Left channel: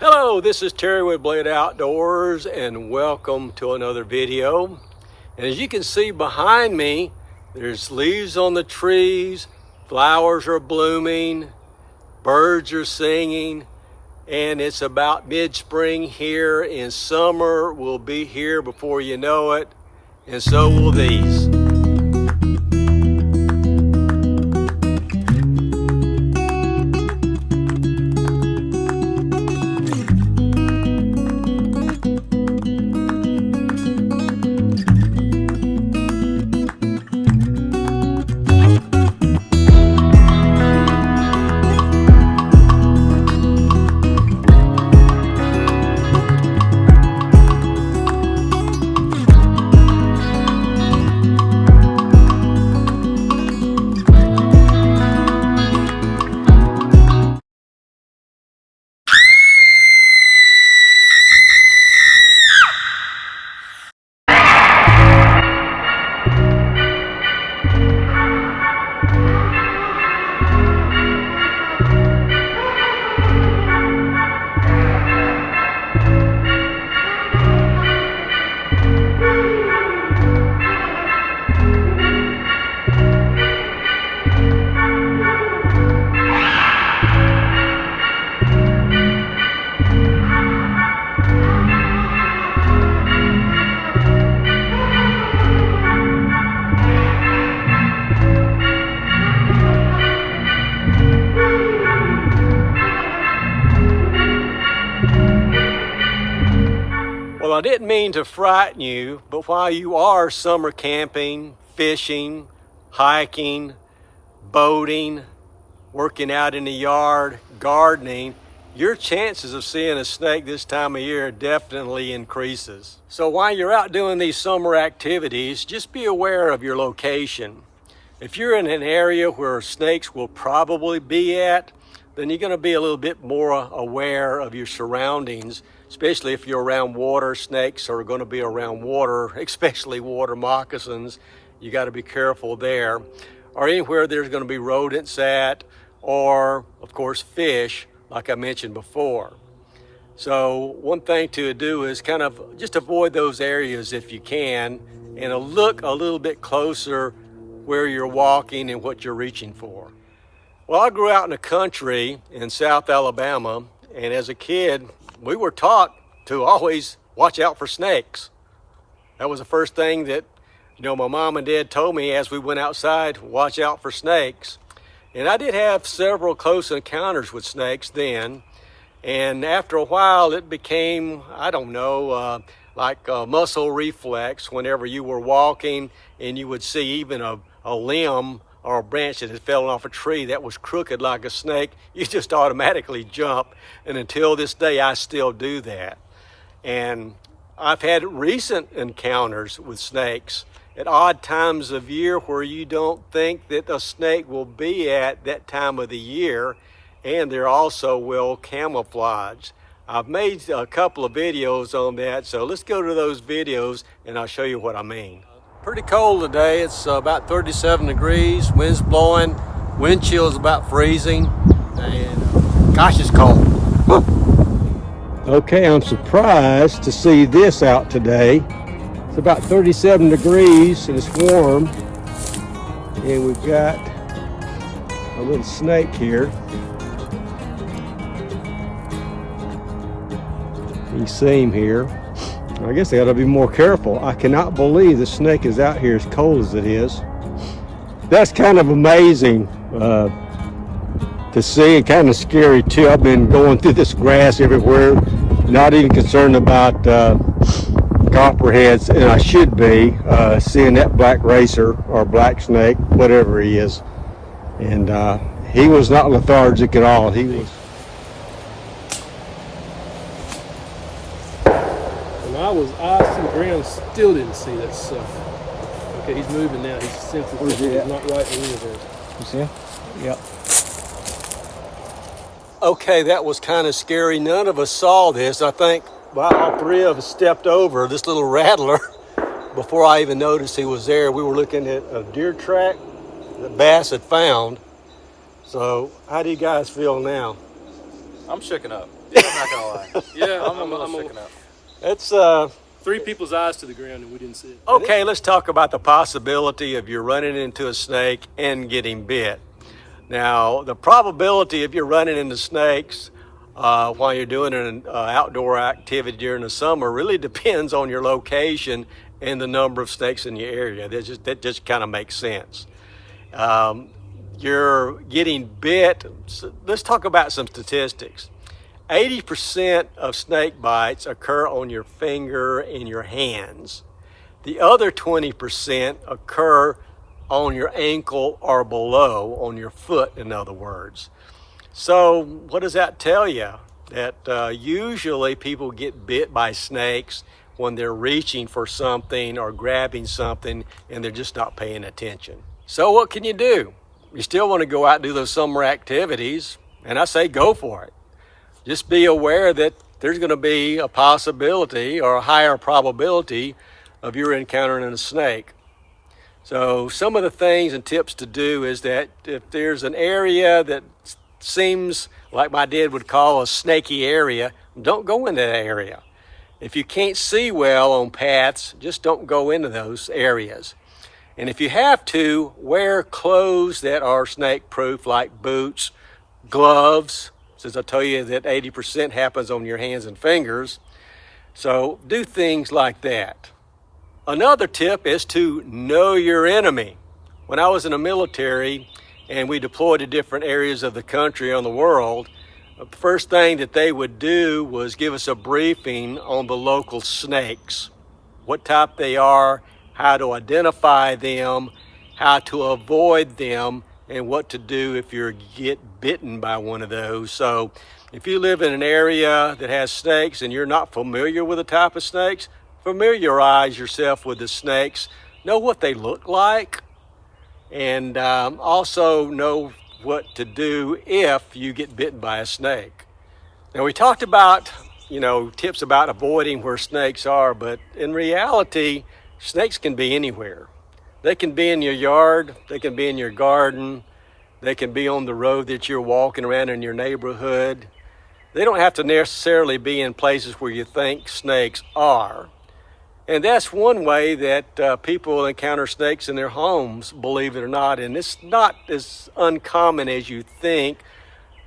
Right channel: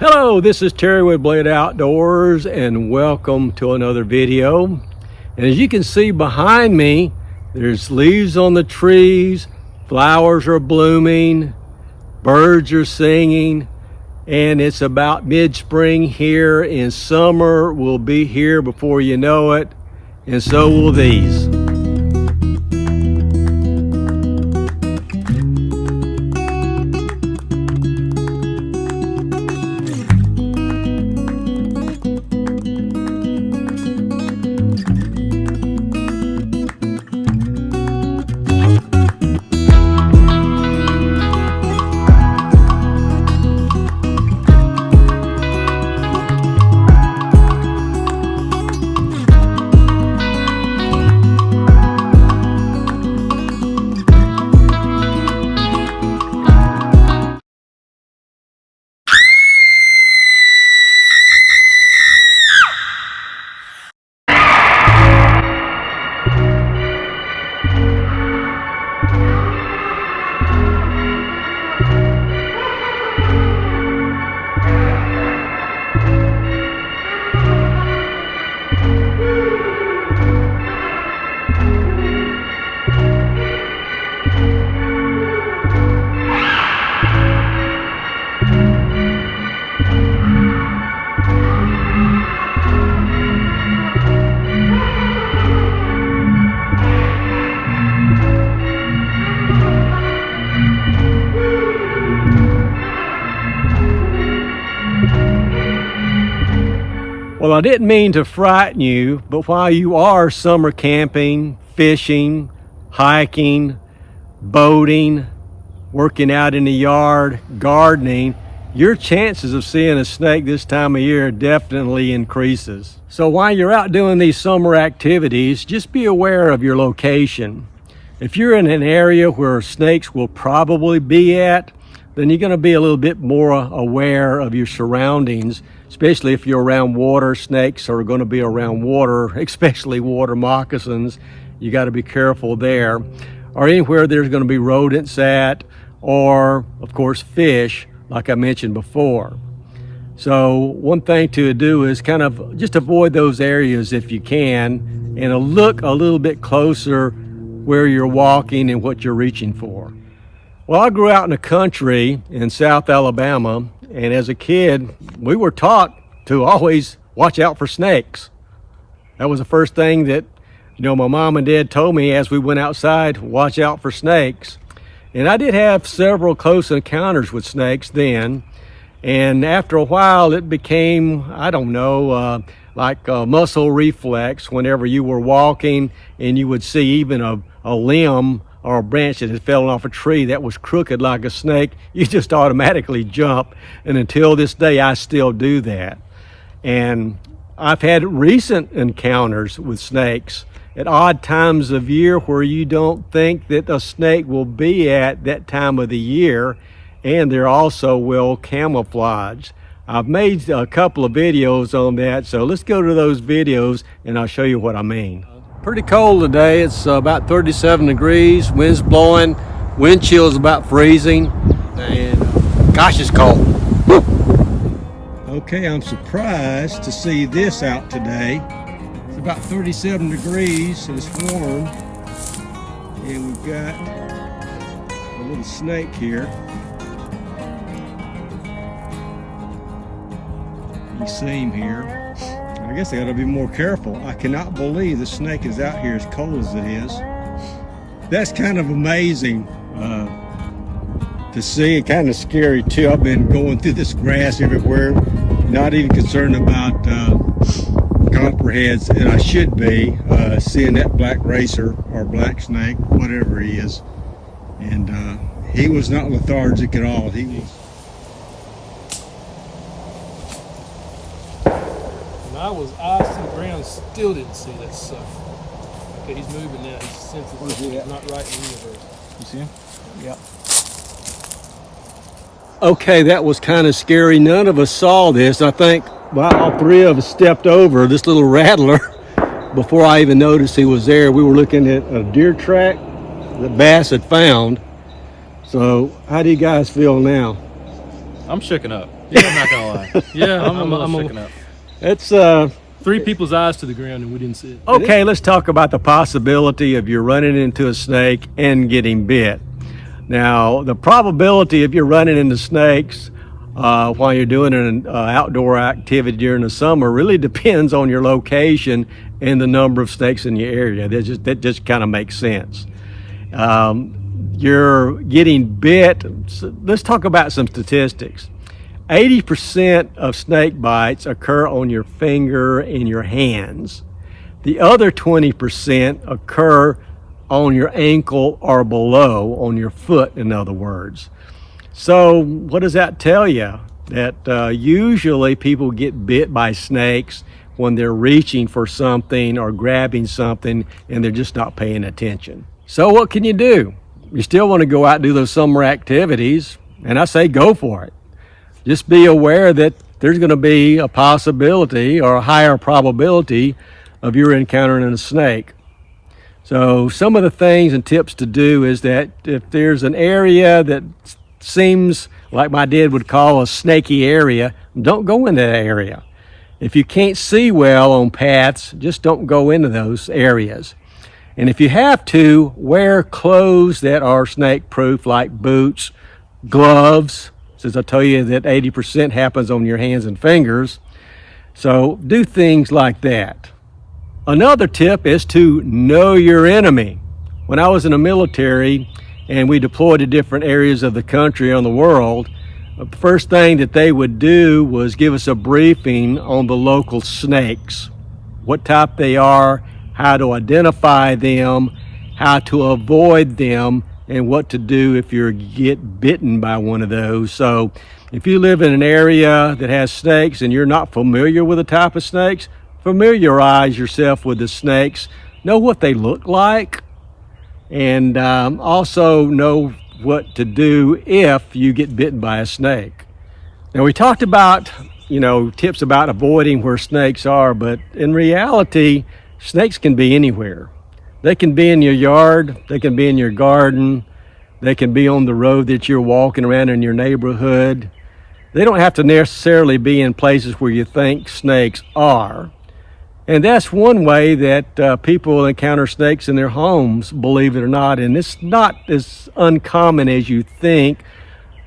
Hello, this is Terry with Blade Outdoors and welcome to another video. And as you can see behind me, there's leaves on the trees, flowers are blooming, birds are singing, and it's about mid-spring here, and summer will be here before you know it, and so will these. Well, I didn't mean to frighten you, but while you are summer camping, fishing, hiking, boating, working out in the yard, gardening, your chances of seeing a snake this time of year definitely increases. So while you're out doing these summer activities, just be aware of your location. If you're in an area where snakes will probably be at, then you're going to be a little bit more aware of your surroundings, especially if you're around water. Snakes are going to be around water, especially water moccasins. You got to be careful there. Or anywhere there's going to be rodents at, or of course fish, like I mentioned before. So one thing to do is kind of just avoid those areas if you can, and look a little bit closer where you're walking and what you're reaching for. Well, I grew out in the country in South Alabama, and as a kid, we were taught to always watch out for snakes. That was the first thing that, my mom and dad told me as we went outside, watch out for snakes. And I did have several close encounters with snakes then. And after a while, it became, like a muscle reflex whenever you were walking and you would see even a limb or a branch that had fallen off a tree that was crooked like a snake, you just automatically jump. And until this day, I still do that. And I've had recent encounters with snakes at odd times of year where you don't think that a snake will be at that time of the year, and they're also well camouflaged. I've made a couple of videos on that, so let's go to those videos and I'll show you what I mean. Pretty cold today. It's about 37 degrees, wind's blowing, wind chill is about freezing, and gosh, it's cold. Okay, I'm surprised to see this out today. It's about 37 degrees and it's warm, and we've got a little snake here. You see him here. I guess I gotta be more careful. I cannot believe the snake is out here as cold as it is. That's kind of amazing to see, and kind of scary too. I've been going through this grass everywhere, not even concerned about copperheads, and I should be seeing that black racer or black snake, whatever he is. And he was not lethargic at all. He was. I was icing the ground, still didn't see that sucker. Okay, he's moving now. He's sensitive. Where's he at? He's not right in there. You see him? Yep. Okay, that was kind of scary. None of us saw this. I think all three of us stepped over this little rattler before I even noticed he was there. We were looking at a deer track that Bass had found. So how do you guys feel now? I'm shooken up. Yeah, I'm not gonna lie. Yeah, I'm a little shaken up. It's 3 people's eyes to the ground and we didn't see it. okay. Let's talk about the possibility of you running into a snake and getting bit. Now, the probability of you running into snakes while you're doing an outdoor activity during the summer really depends on your location and the number of snakes in your area. That just kind of makes sense. You're getting bit. So let's talk about some statistics. 80% of snake bites occur on your finger and your hands. The other 20% occur on your ankle or below, on your foot, in other words. So what does that tell you? That usually people get bit by snakes when they're reaching for something or grabbing something and they're just not paying attention. So what can you do? You still want to go out and do those summer activities, and I say go for it. Just be aware that there's going to be a possibility or a higher probability of you encountering a snake. So some of the things and tips to do is that if there's an area that seems like my dad would call a snaky area, don't go in that area. If you can't see well on paths, just don't go into those areas. And if you have to, wear clothes that are snake proof, like boots, gloves, since I tell you that 80% happens on your hands and fingers. So do things like that. Another tip is to know your enemy. When I was in the military and we deployed to different areas of the country on the world, the first thing that they would do was give us a briefing on the local snakes, what type they are, how to identify them, how to avoid them, and what to do if you get bitten by one of those. So if you live in an area that has snakes and you're not familiar with the type of snakes, familiarize yourself with the snakes, know what they look like, and also know what to do if you get bitten by a snake. Now, we talked about, tips about avoiding where snakes are, but in reality, snakes can be anywhere. They can be in your yard, they can be in your garden, they can be on the road that you're walking around in your neighborhood. They don't have to necessarily be in places where you think snakes are. And that's one way that people encounter snakes in their homes, believe it or not. And it's not as uncommon as you think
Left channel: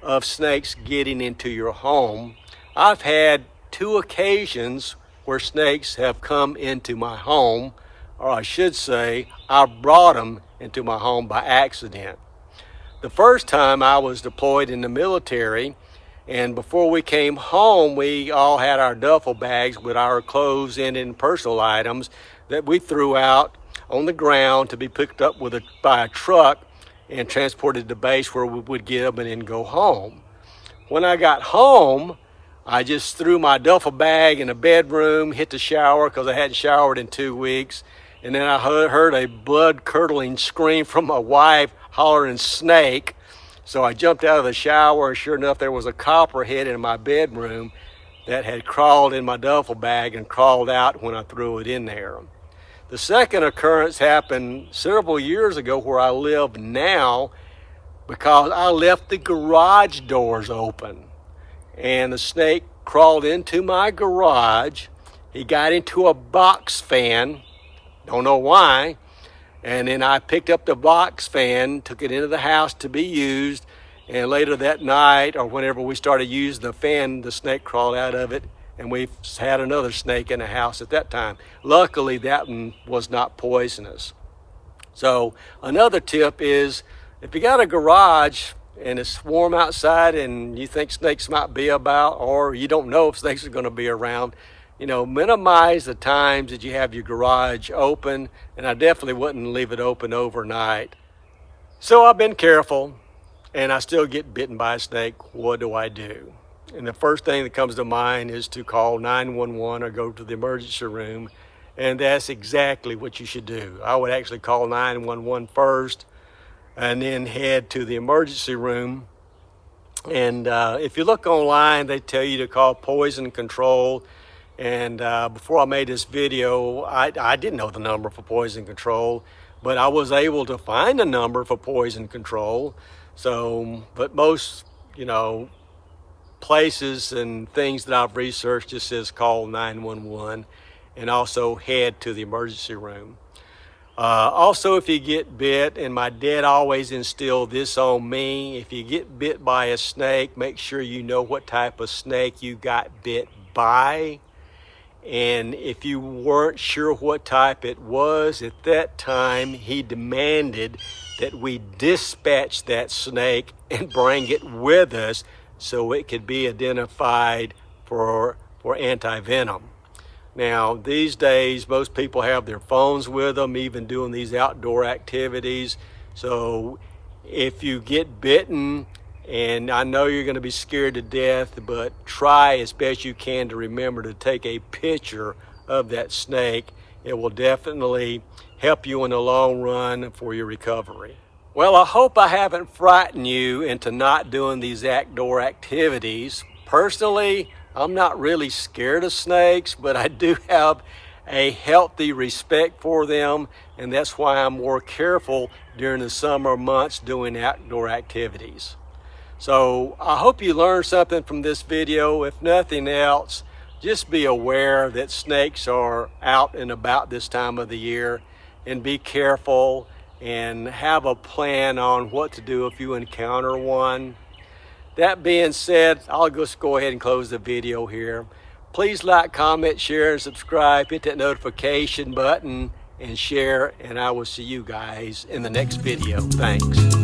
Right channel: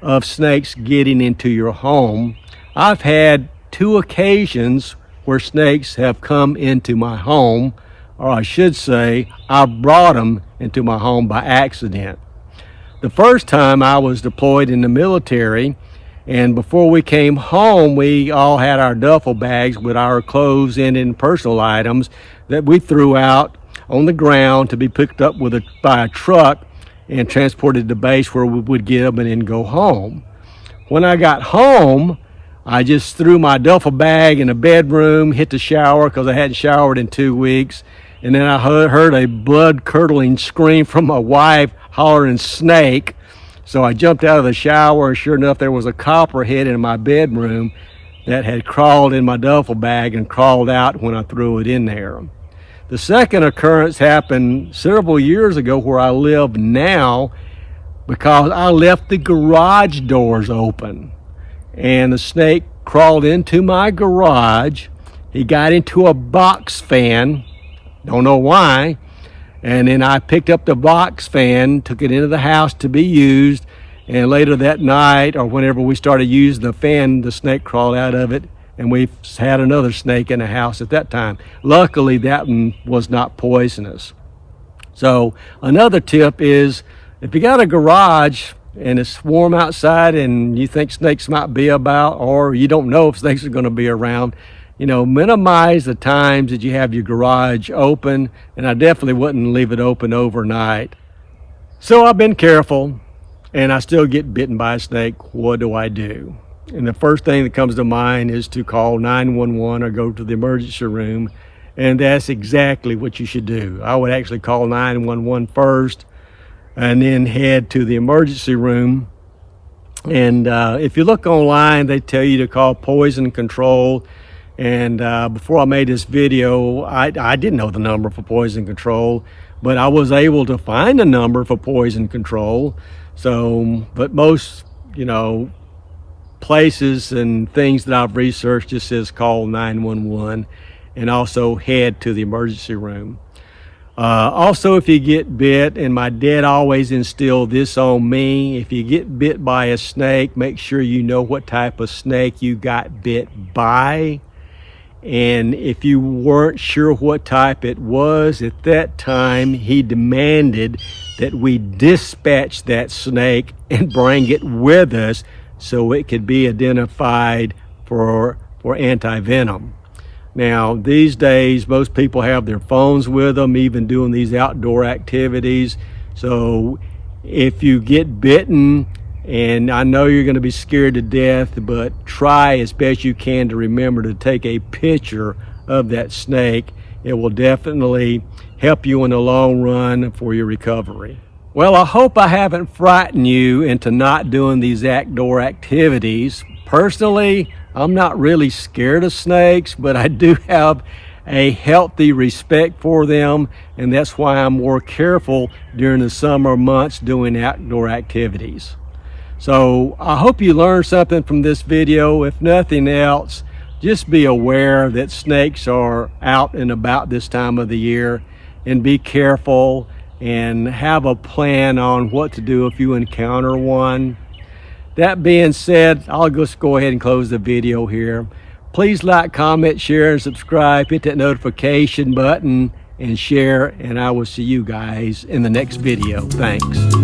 of snakes getting into your home. I've had 2 occasions where snakes have come into my home, or I should say, I brought them into my home by accident. The first time I was deployed in the military, and before we came home, we all had our duffel bags with our clothes and personal items that we threw out on the ground to be picked up by a truck and transported to base where we would get them and then go home. When I got home, I just threw my duffel bag in the bedroom, hit the shower because I hadn't showered in 2 weeks, and then I heard a blood-curdling scream from my wife hollering snake. So I jumped out of the shower, and sure enough, there was a copperhead in my bedroom that had crawled in my duffel bag and crawled out when I threw it in there. The second occurrence happened several years ago where I live now, because I left the garage doors open, and the snake crawled into my garage. He got into a box fan, don't know why, and then I picked up the box fan, took it into the house to be used, and later that night, or whenever we started using the fan, the snake crawled out of it, and we had another snake in the house at that time. Luckily, that one was not poisonous. So another tip is, if you got a garage and it's warm outside and you think snakes might be about, or you don't know if snakes are going to be around, minimize the times that you have your garage open, and I definitely wouldn't leave it open overnight. So I've been careful, and I still get bitten by a snake. What do I do? And the first thing that comes to mind is to call 911 or go to the emergency room, and that's exactly what you should do. I would actually call 911 first, and then head to the emergency room. And if you look online, they tell you to call poison control. And before I made this video, I didn't know the number for poison control, but I was able to find a number for poison control. So, but most, places and things that I've researched just says call 911 and also head to the emergency room. Also, if you get bit, and my dad always instilled this on me, if you get bit by a snake, make sure you know what type of snake you got bit by. And if you weren't sure what type it was at that time, he demanded that we dispatch that snake and bring it with us so it could be identified for anti-venom. Now, these days, most people have their phones with them, even doing these outdoor activities. So if you get bitten, and I know you're going to be scared to death, but try as best you can to remember to take a picture of that snake. It will definitely help you in the long run for your recovery. Well, I hope I haven't frightened you into not doing these outdoor activities. Personally, I'm not really scared of snakes, but I do have a healthy respect for them, and that's why I'm more careful during the summer months doing outdoor activities. So I hope you learned something from this video. If nothing else, just be aware that snakes are out and about this time of the year, and be careful and have a plan on what to do if you encounter one. That being said, I'll just go ahead and close the video here. Please like, comment, share, and subscribe. Hit that notification button and share, and I will see you guys in the next video. Thanks.